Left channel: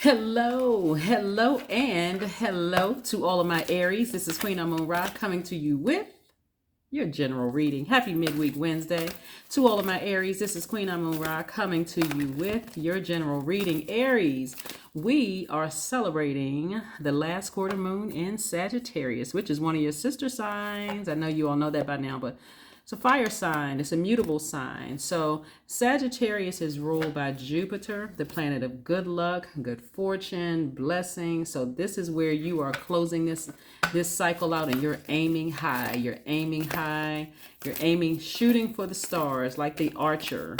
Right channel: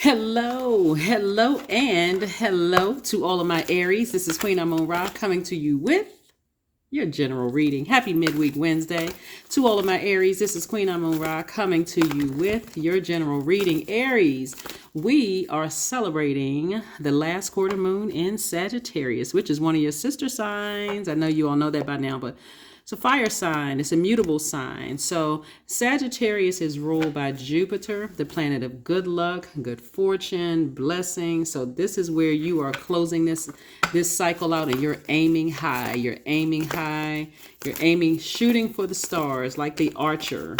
Hello, hello, and hello to all of my Aries. This is Queen Amun Ra coming to you with your general reading. Happy midweek Wednesday to all of my Aries. This is Queen Amun Ra coming to you with your general reading. Aries, we are celebrating the last quarter moon in Sagittarius, which is one of your sister signs. I know you all know that by now, but it's a fire sign. It's a mutable sign. So Sagittarius is ruled by Jupiter, the planet of good luck, good fortune, blessing. So this is where you are closing this cycle out, and you're aiming high. You're aiming high. You're aiming, shooting for the stars, like the archer,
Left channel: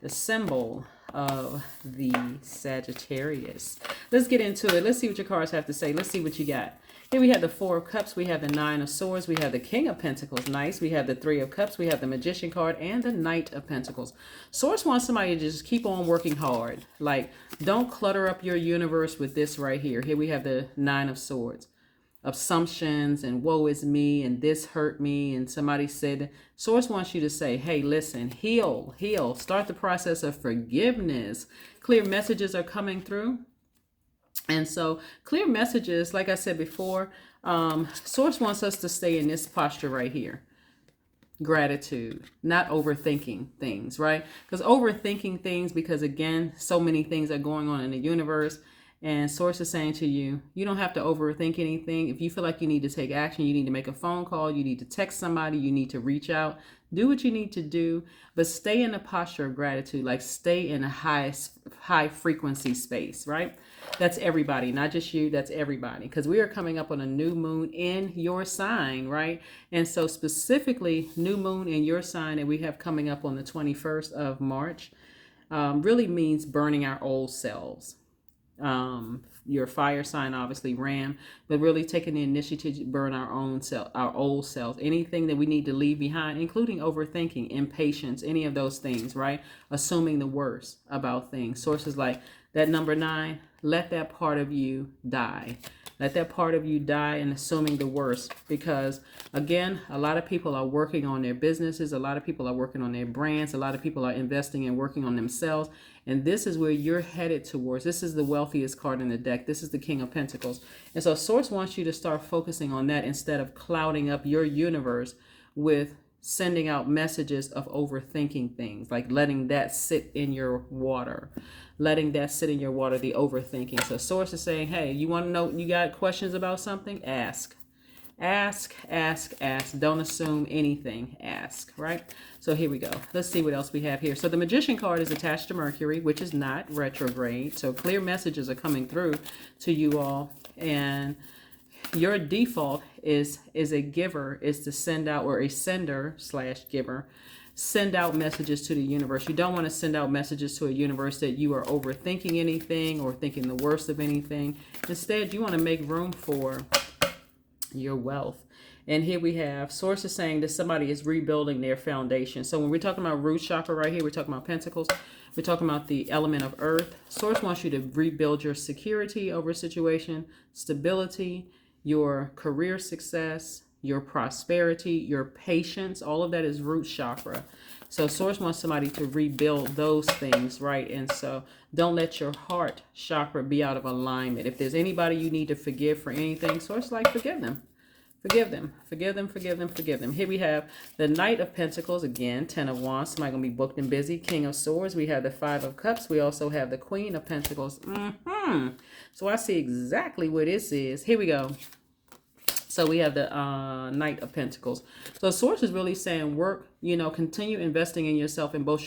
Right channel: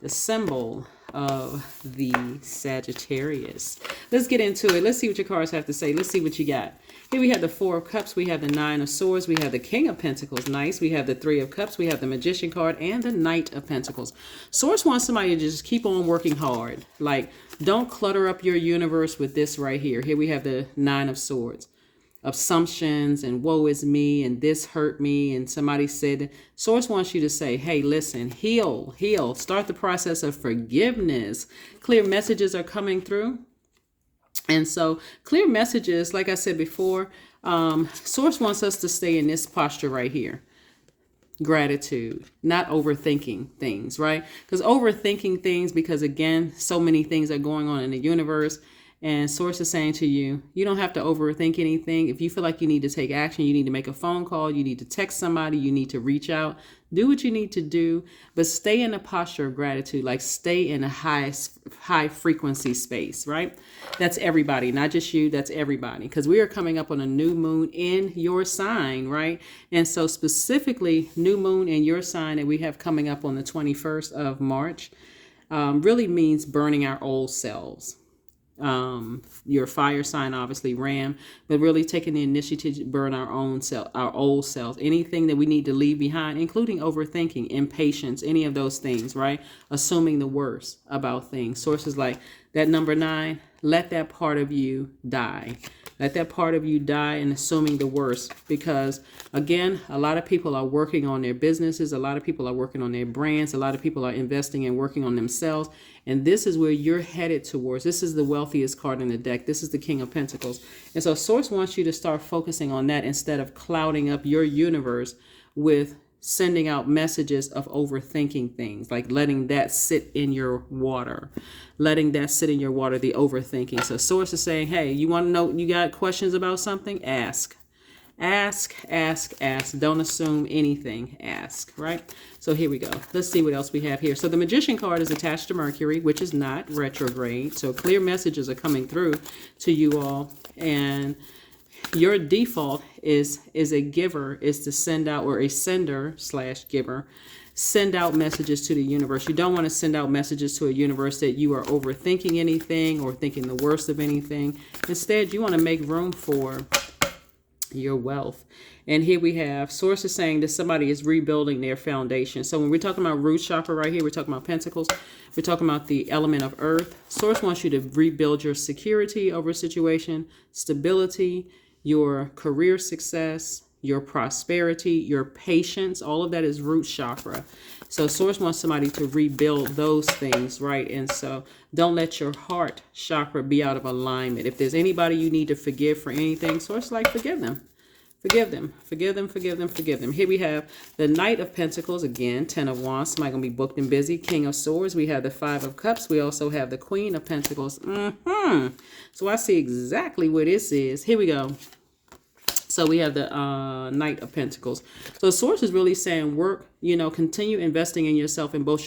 the symbol of the Sagittarius. Let's get into it. Let's see what your cards have to say. Let's see what you got. Here we have the Four of Cups, we have the Nine of Swords, we have the King of Pentacles, nice. We have the Three of Cups, we have the Magician card, and the Knight of Pentacles. Source wants somebody to just keep on working hard. Like, don't clutter up your universe with this right here. Here we have the Nine of Swords. Assumptions and woe is me and this hurt me and somebody said. Source wants you to say, hey, listen, heal. Start the process of forgiveness. Clear messages are coming through. And so clear messages, like I said before, Source wants us to stay in this posture right here. Gratitude, not overthinking things, right? Because overthinking things, because again, so many things are going on in the universe. And Source is saying to you, you don't have to overthink anything. If you feel like you need to take action, you need to make a phone call, you need to text somebody, you need to reach out, do what you need to do, but stay in a posture of gratitude, like stay in a high frequency space, right? That's everybody, not just you, that's everybody, because we are coming up on a new moon in your sign, right? And so specifically, new moon in your sign that we have coming up on the 21st of March really means burning our old selves. Your fire sign, obviously Ram, but really taking the initiative to burn our own self, our old selves, anything that we need to leave behind, including overthinking, impatience, any of those things, right? Assuming the worst about things. Sources like that number 9, let that part of you die. Let that part of you die and assuming the worst, because again, a lot of people are working on their businesses. A lot of people are working on their brands. A lot of people are investing and working on themselves. And this is where you're headed towards. This is the wealthiest card in the deck. This is the King of Pentacles. And so Source wants you to start focusing on that instead of clouding up your universe with sending out messages of overthinking things, like letting that sit in your water. Letting that sit in your water, the overthinking. So Source is saying, hey, you want to know, you got questions about something? Ask. Ask. Don't assume anything. Ask, right? So here we go. Let's see what else we have here. So the Magician card is attached to Mercury, which is not retrograde. So clear messages are coming through to you all. And your default is a giver, is to send out, or a sender/giver. Send out messages to the universe. You don't want to send out messages to a universe that you are overthinking anything or thinking the worst of anything. Instead, you want to make room for your wealth. And here we have sources saying that somebody is rebuilding their foundation. So when we're talking about root chakra right here, we're talking about pentacles. We're talking about the element of earth. Source wants you to rebuild your security over a situation, stability, your career success, your prosperity, your patience. All of that is root chakra. So Source wants somebody to rebuild those things, right? And so don't let your heart chakra be out of alignment. If there's anybody you need to forgive for anything, Source like, forgive them. Forgive them. Here we have the Knight of Pentacles, again, 10 of Wands. Somebody going to be booked and busy. King of Swords. We have the 5 of Cups. We also have the Queen of Pentacles. So I see exactly what this is. Here we go. So we have the Knight of Pentacles. So Source is really saying work, continue investing in yourself in both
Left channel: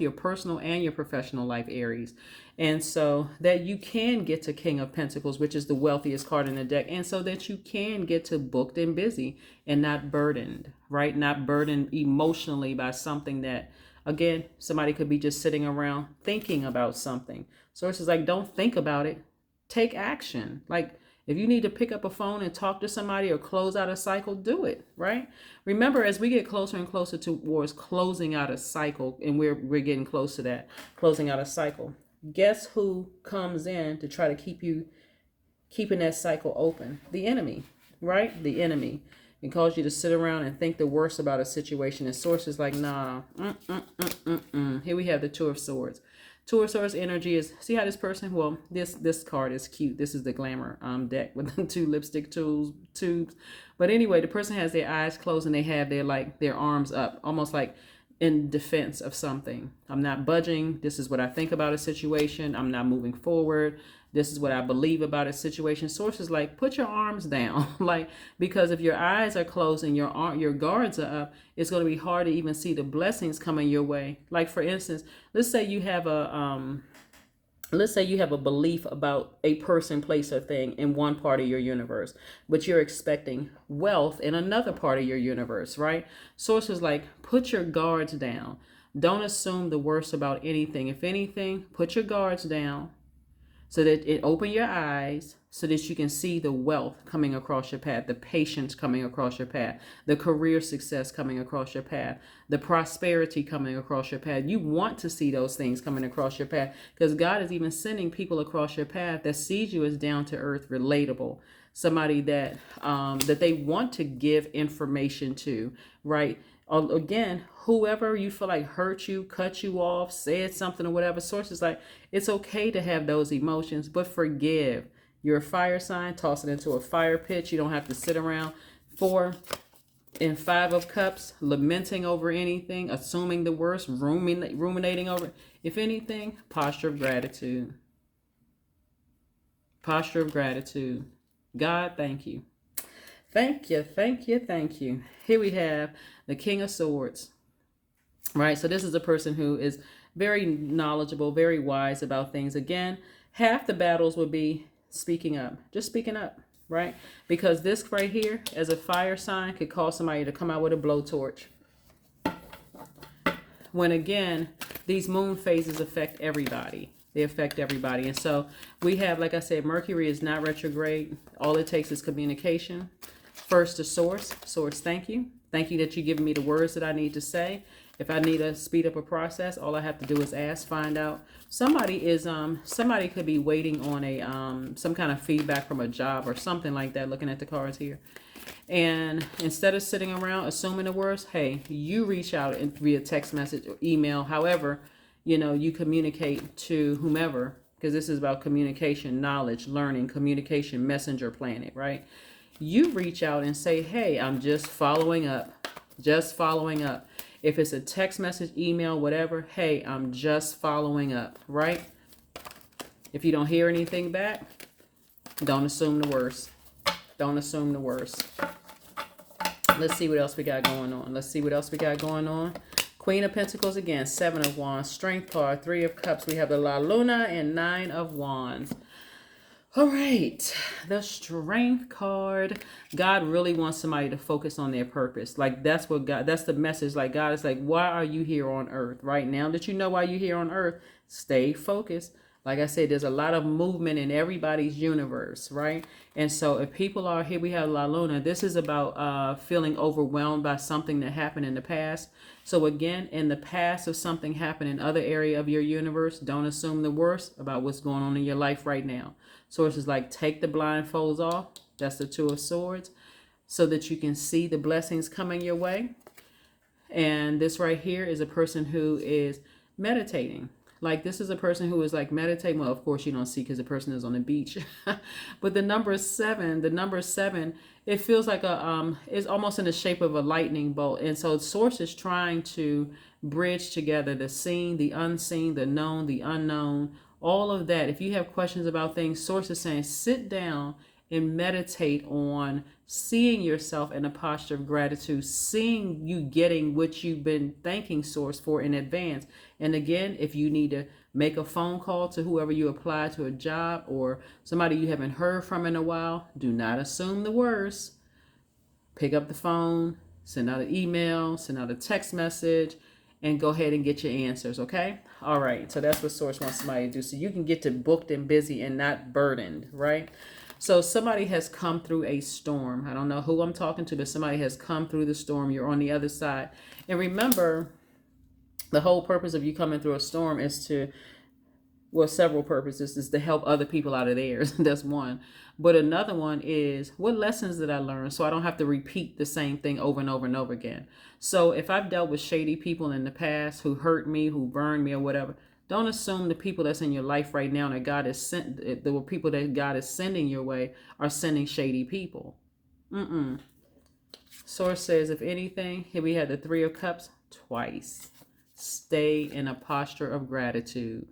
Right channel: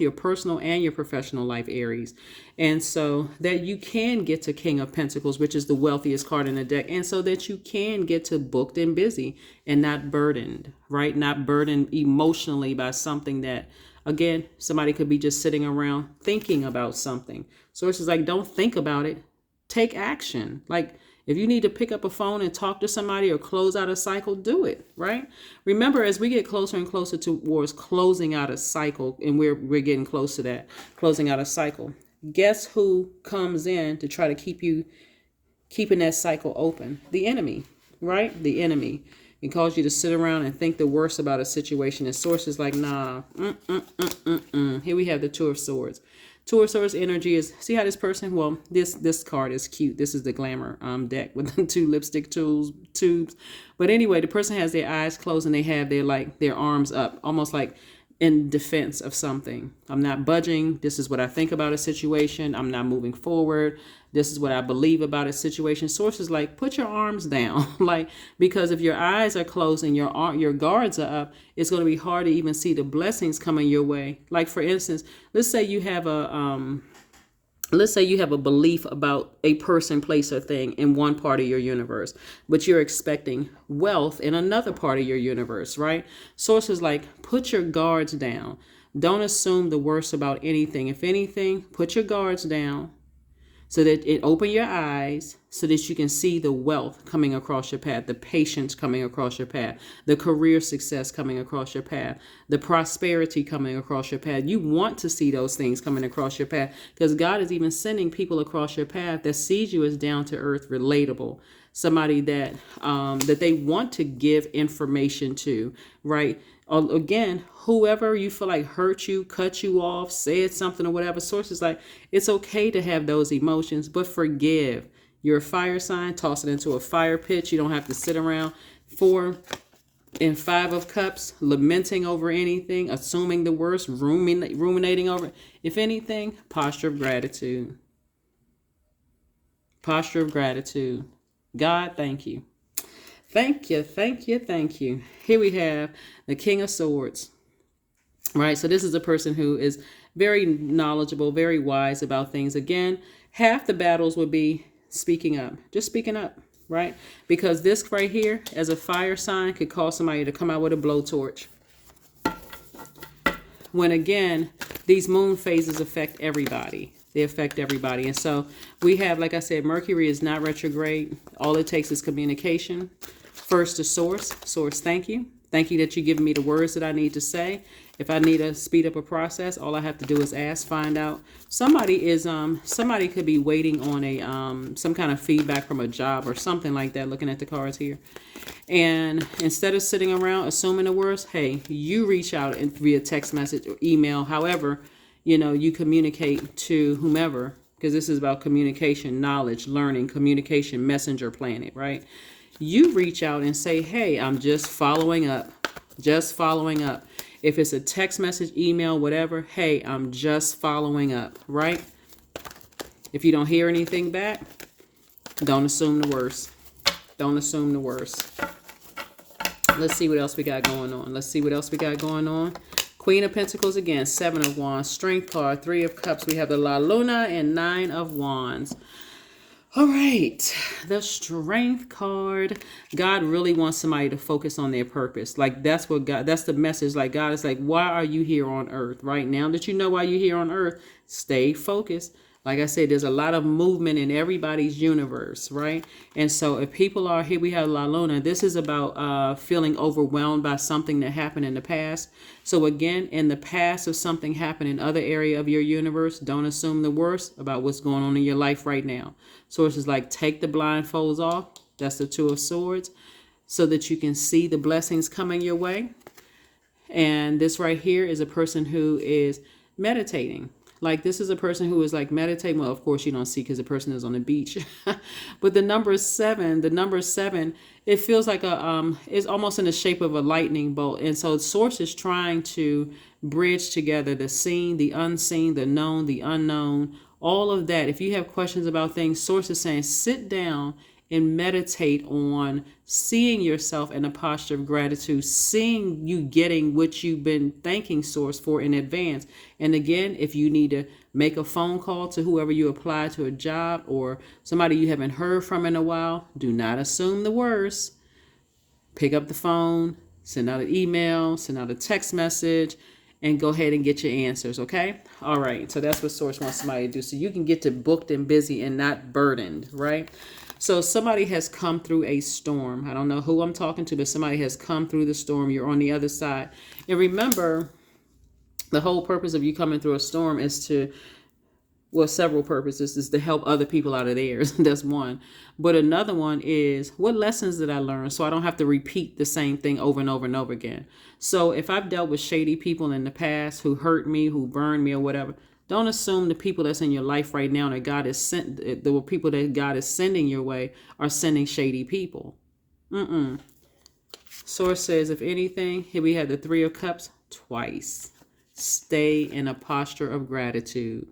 your personal and your professional life, Aries. And so that you can get to King of Pentacles, which is the wealthiest card in the deck. And so that you can get to booked and busy and not burdened, right? Not burdened emotionally by something that, again, somebody could be just sitting around thinking about something. Source is like, don't think about it. Take action. Like, if you need to pick up a phone and talk to somebody or close out a cycle, do it, right? Remember, as we get closer and closer towards closing out a cycle, and we're getting close to that, closing out a cycle, guess who comes in to try to keeping that cycle open? The enemy, right? The enemy. It calls you to sit around and think the worst about a situation. And Source is like, nah. Here we have the Two of Swords. Two of Swords energy is, see how this person, well, this card is cute. This is the glamour deck with the two lipstick tubes. But anyway, the person has their eyes closed and they have their arms up, almost like in defense of something. I'm not budging. This is what I think about a situation. I'm not moving forward. This is what I believe about a situation. Source is like, put your arms down. Like, because if your eyes are closed and your guards are up, it's going to be hard to even see the blessings coming your way. Like, for instance, let's say you have a belief about a person, place, or thing in one part of your universe, but you're expecting wealth in another part of your universe, right? Source is like, put your guards down. Don't assume the worst about anything. If anything, put your guards down so that it open your eyes so that you can see the wealth coming across your path, the patience coming across your path, the career success coming across your path, the prosperity coming across your path. You want to see those things coming across your path because God is even sending people across your path that sees you as down to earth, relatable, somebody that they want to give information to, right? Again, whoever you feel like hurt you, cut you off, said something or whatever, source is like, it's okay to have those emotions, but forgive. You're a fire sign, toss it into a fire pit. You don't have to sit around 4 and 5 of cups, lamenting over anything, assuming the worst, ruminating over. If anything, posture of gratitude. Posture of gratitude. God, thank you. Thank you, thank you, thank you. Here we have the King of Swords, right? So this is a person who is very knowledgeable, very wise about things. Again, half the battles would be speaking up, just speaking up, right? Because this right here, as a fire sign, could cause somebody to come out with a blowtorch. When again, these moon phases affect everybody. They affect everybody. And so we have, like I said, Mercury is not retrograde. All it takes is communication. First to source. Source, thank you. Thank you that you're giving me the words that I need to say. If I need to speed up a process, all I have to do is ask, find out. Somebody could be waiting on a some kind of feedback from a job or something like that, looking at the cards here. And instead of sitting around assuming the worst, hey, you reach out and via text message or email, however, you communicate to whomever, because this is about communication, knowledge, learning, communication, messenger planet, right? You reach out and say, hey, I'm just following up, just following up. If it's a text message, email, whatever, hey, I'm just following up, right? If you don't hear anything back, don't assume the worst. Don't assume the worst. Let's see what else we got going on. Let's see what else we got going on. Queen of Pentacles again, 7 of Wands, Strength card, 3 of Cups. We have the La Luna and 9 of Wands. All right, the Strength card. God really wants somebody to focus on their purpose. Like that's the message. Like God is like, why are you here on earth? Right now that you know why you're here on earth, stay focused. Like I said, there's a lot of movement in everybody's universe, right? And so if people are here, we have La Luna. This is about feeling overwhelmed by something that happened in the past. So again, in the past, if something happened in other area of your universe, don't assume the worst about what's going on in your life right now. Sources like take the blindfolds off. That's the 2 of Swords, so that you can see the blessings coming your way. And this right here is a person who is meditating. Like this is a person who is like meditating. Well, of course you don't see because the person is on the beach. But the number 7, it feels like it's almost in the shape of a lightning bolt. And so Source is trying to bridge together the seen, the unseen, the known, the unknown, all of that. If you have questions about things, Source is saying sit down and meditate on seeing yourself in a posture of gratitude, seeing you getting what you've been thanking Source for in advance. And again, if you need to make a phone call to whoever you apply to a job or somebody you haven't heard from in a while, do not assume the worst. Pick up the phone, send out an email, send out a text message, and go ahead and get your answers, okay? All right, so that's what Source wants somebody to do. So you can get to booked and busy and not burdened, right? So somebody has come through a storm. I don't know who I'm talking to, but somebody has come through the storm. You're on the other side. And remember, the whole purpose of you coming through a storm is to, well, several purposes, is to help other people out of theirs. That's one. But another one is, what lessons did I learn so I don't have to repeat the same thing over and over and over again? So if I've dealt with shady people in the past who hurt me, who burned me or whatever, Don't assume the people that's in your life right now that God is sent, the people that God is sending your way are sending shady people. Source says, if anything, here we have the Three of Cups twice. Stay in a posture of gratitude.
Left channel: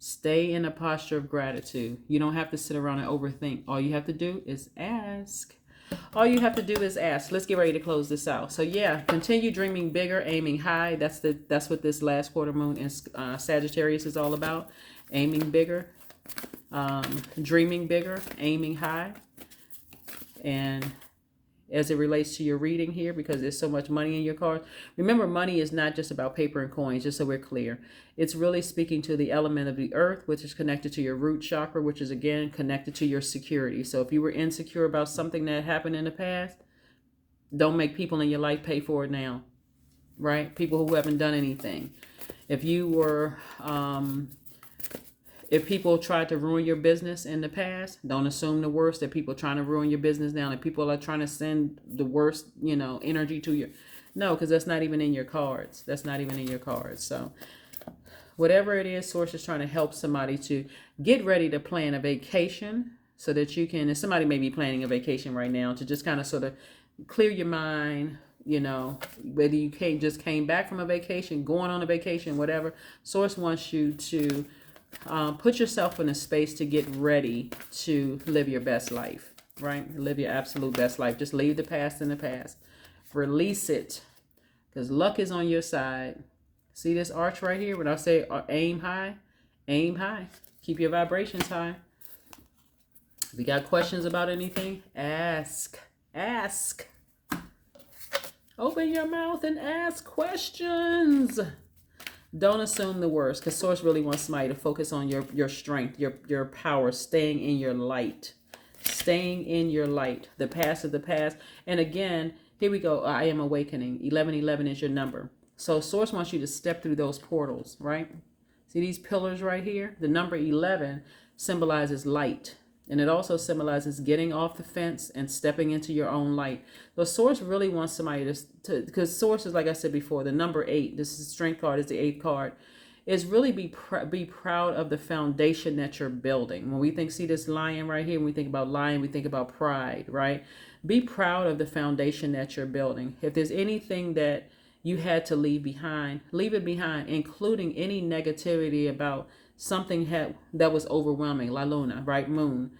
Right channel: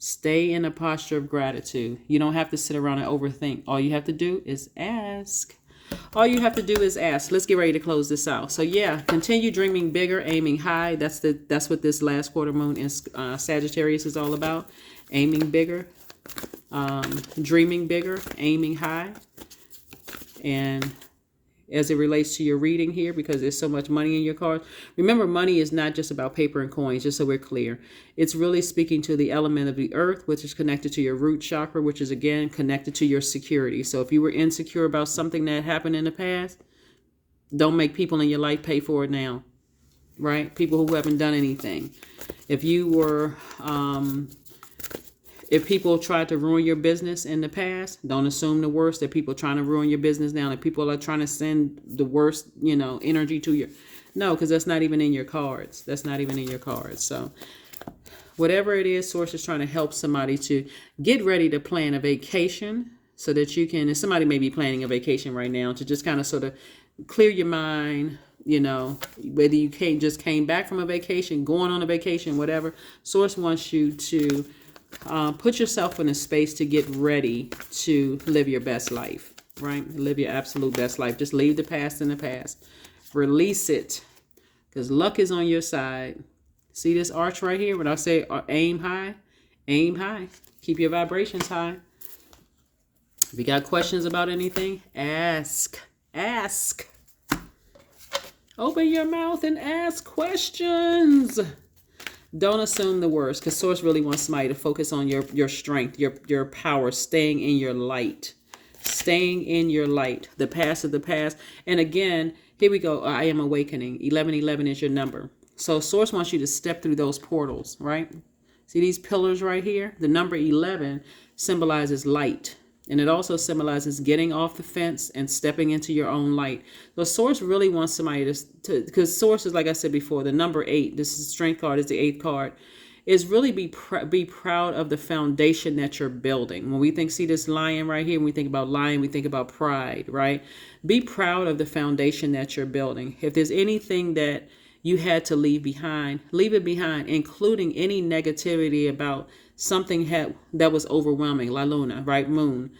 Stay in a posture of gratitude. You don't have to sit around and overthink. All you have to do is ask. All you have to do is ask. Let's get ready to close this out. So yeah, continue dreaming bigger, aiming high. That's what this last quarter moon in Sagittarius is all about. Aiming bigger, dreaming bigger, aiming high. And as it relates to your reading here, because there's so much money in your cards. Remember, money is not just about paper and coins, just so we're clear. It's really speaking to the element of the earth, which is connected to your root chakra, which is, again, connected to your security. So if you were insecure about something that happened in the past, don't make people in your life pay for it now, right? People who haven't done anything. If you were... If people tried to ruin your business in the past, don't assume the worst. That people trying to ruin your business now, that people are trying to send the worst, energy to you. No, because that's not even in your cards. That's not even in your cards. So whatever it is, Source is trying to help somebody to get ready to plan a vacation so that you can, and somebody may be planning a vacation right now, to just kind of sort of clear your mind, whether you just came back from a vacation, going on a vacation, whatever. Source wants you to put yourself in a space to get ready to live your best life, right? Live your absolute best life. Just leave the past in the past. Release it, because luck is on your side. See this arch right here? When I say aim high, aim high. Keep your vibrations high. If you got questions about anything, ask. Ask. Open your mouth and ask questions. Don't assume the worst, because Source really wants somebody to focus on your strength, your power, staying in your light. Staying in your light. The past is the past. And again, here we go. I am awakening. 1111 is your number. So Source wants you to step through those portals, right? See these pillars right here? The number 11 symbolizes light. And it also symbolizes getting off the fence and stepping into your own light. So Source really wants somebody to because Source is, like I said before, the number 8, this is strength card, is the 8th card, is really be proud of the foundation that you're building. When we see this lion right here, when we think about lion, we think about pride, right? Be proud of the foundation that you're building. If there's anything that you had to leave behind, leave it behind, including any negativity about something that was overwhelming, La Luna, right? Moon,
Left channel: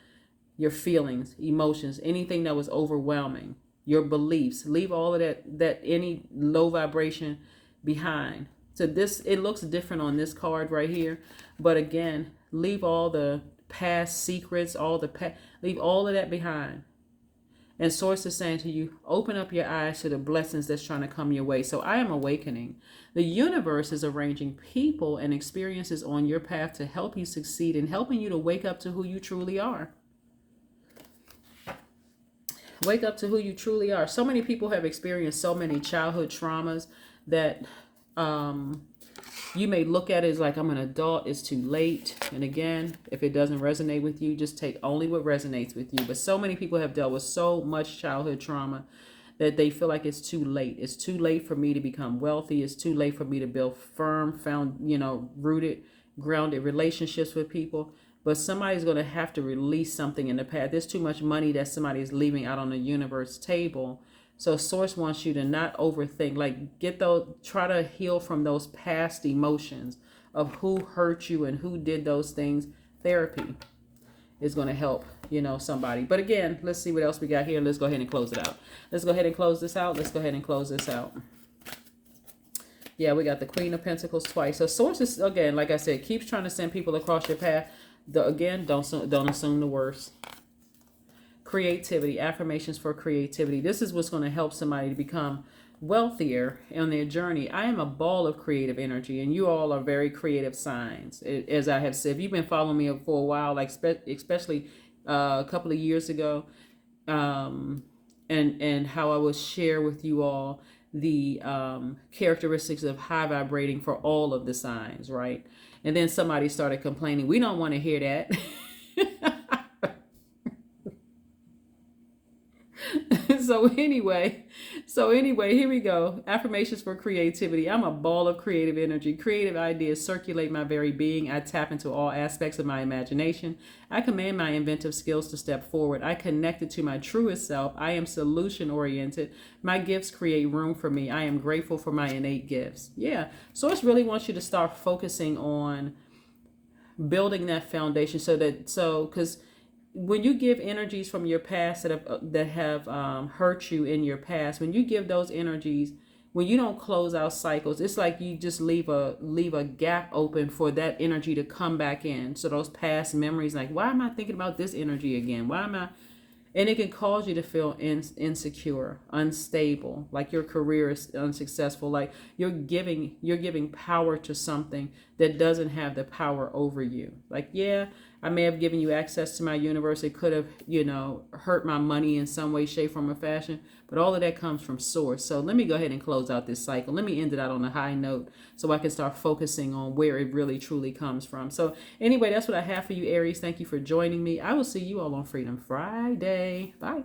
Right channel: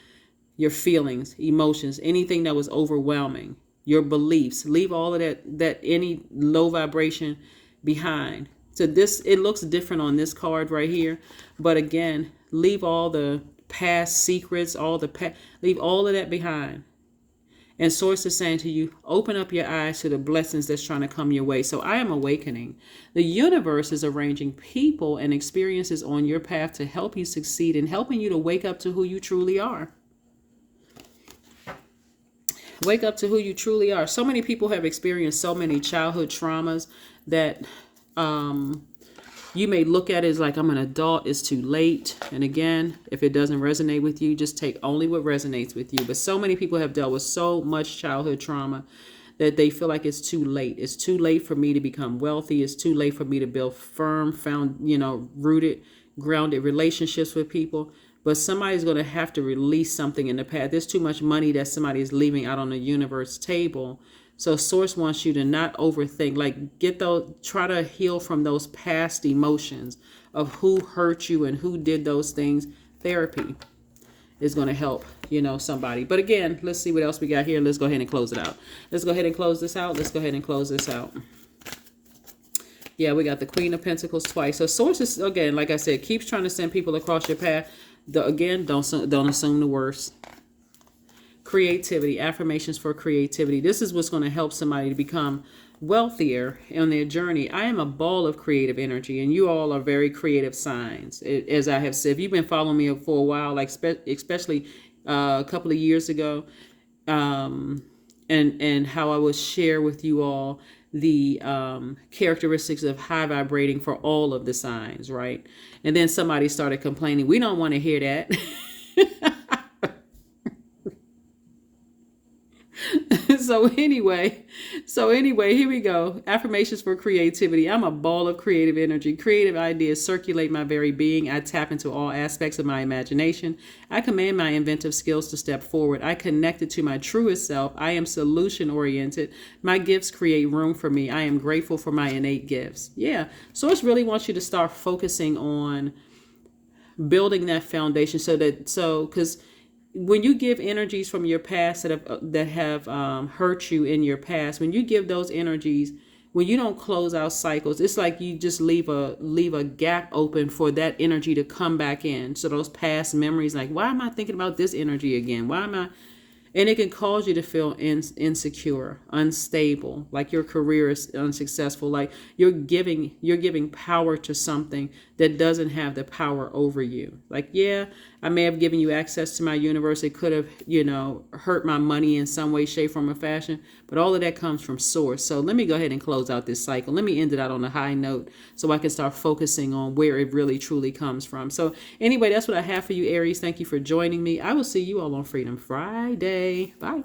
your feelings, emotions, anything that was overwhelming, your beliefs, leave all of that any low vibration behind. So it looks different on this card right here, but again, leave all the past secrets, leave all of that behind. And Source is saying to you, open up your eyes to the blessings that's trying to come your way. So I am awakening. The universe is arranging people and experiences on your path to help you succeed and helping you to wake up to who you truly are. Wake up to who you truly are. So many people have experienced so many childhood traumas that you may look at it as like, I'm an adult, it's too late. And again, if it doesn't resonate with you, just take only what resonates with you. But so many people have dealt with so much childhood trauma that they feel like it's too late. It's too late for me to become wealthy. It's too late for me to build firm, rooted, grounded relationships with people. But somebody's going to have to release something in the past. There's too much money that somebody is leaving out on the universe table. So Source wants you to not overthink, try to heal from those past emotions of who hurt you and who did those things. Therapy is going to help, somebody. But again, let's see what else we got here. Let's go ahead and close it out. Let's go ahead and close this out. Yeah, we got the Queen of Pentacles twice. So Source is, again, like I said, keeps trying to send people across your path. Again, don't assume the worst. Creativity, affirmations for creativity. This is what's going to help somebody to become wealthier on their journey. I am a ball of creative energy, and you all are very creative signs. As I have said, if you've been following me for a while, especially a couple of years ago, and how I will share with you all the characteristics of high vibrating for all of the signs, right? And then somebody started complaining. We don't want to hear that. So anyway, here we go. Affirmations for creativity. I'm a ball of creative energy. Creative ideas circulate my very being. I tap into all aspects of my imagination. I command my inventive skills to step forward. I connect it to my truest self. I am solution oriented. My gifts create room for me. I am grateful for my innate gifts. Yeah. So it really wants you to start focusing on building that foundation because when you give energies from your past that have hurt you in your past, when you give those energies, when you don't close out cycles, it's like you just leave a gap open for that energy to come back in. So those past memories, like, why am I thinking about this energy again? Why am I? And it can cause you to feel insecure, unstable, like your career is unsuccessful, like you're giving power to something that doesn't have the power over you. Like, yeah, I may have given you access to my universe. It could have, hurt my money in some way, shape, form, or fashion. But all of that comes from source. So let me go ahead and close out this cycle. Let me end it out on a high note so I can start focusing on where it really truly comes from. So anyway, that's what I have for you, Aries. Thank you for joining me. I will see you all on Freedom Friday. Bye.